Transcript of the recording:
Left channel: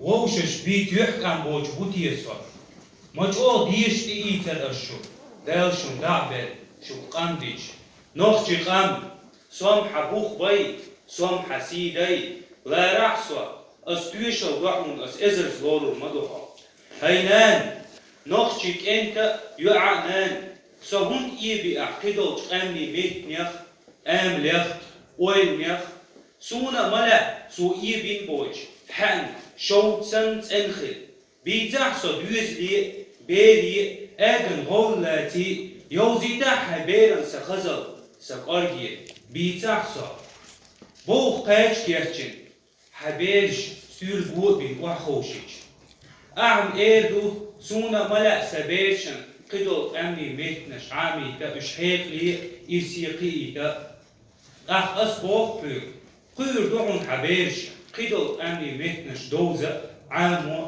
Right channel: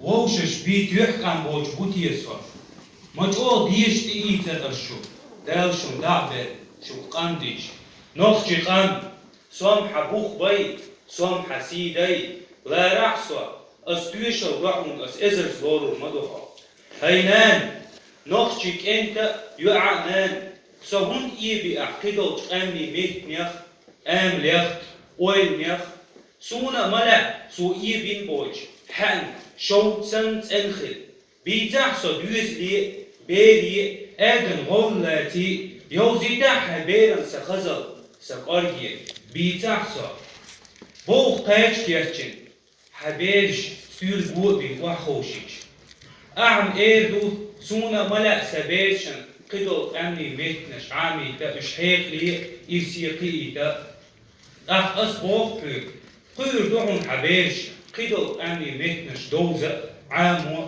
ووشش بيت يحكم بوش بوتي يصف ما تقول ديش تيجي تدرشو دال شو دعبة شو قنديش نخشي قند سوم حبوخ بيت سوم حسيدي لا رحصة استويش الرحمن اس ازر زولو مدوخة هينان نخشيك انت يعنان سهون إيبي أعقدو أمي ميت ميخ أم ليخ أويل ميخ سونا ملا سو إيبين بوش حن شو تسنت انخل بيتاح سو ديوز لي بيلي أدن هولاتي يوزيدا حبيرن سخزل سقارجي بيتاح سو بوخ قاش كيرتشن حبيرش سير بوبين وحوشيش أعم إيردو سونا ملا سبيشن قدو أمني ميتنش عامي تا إشحيق لي إيسيقي تا أخ أصبوخ قير دعون حبيرش قدو أمني ميتنش دوزة عامو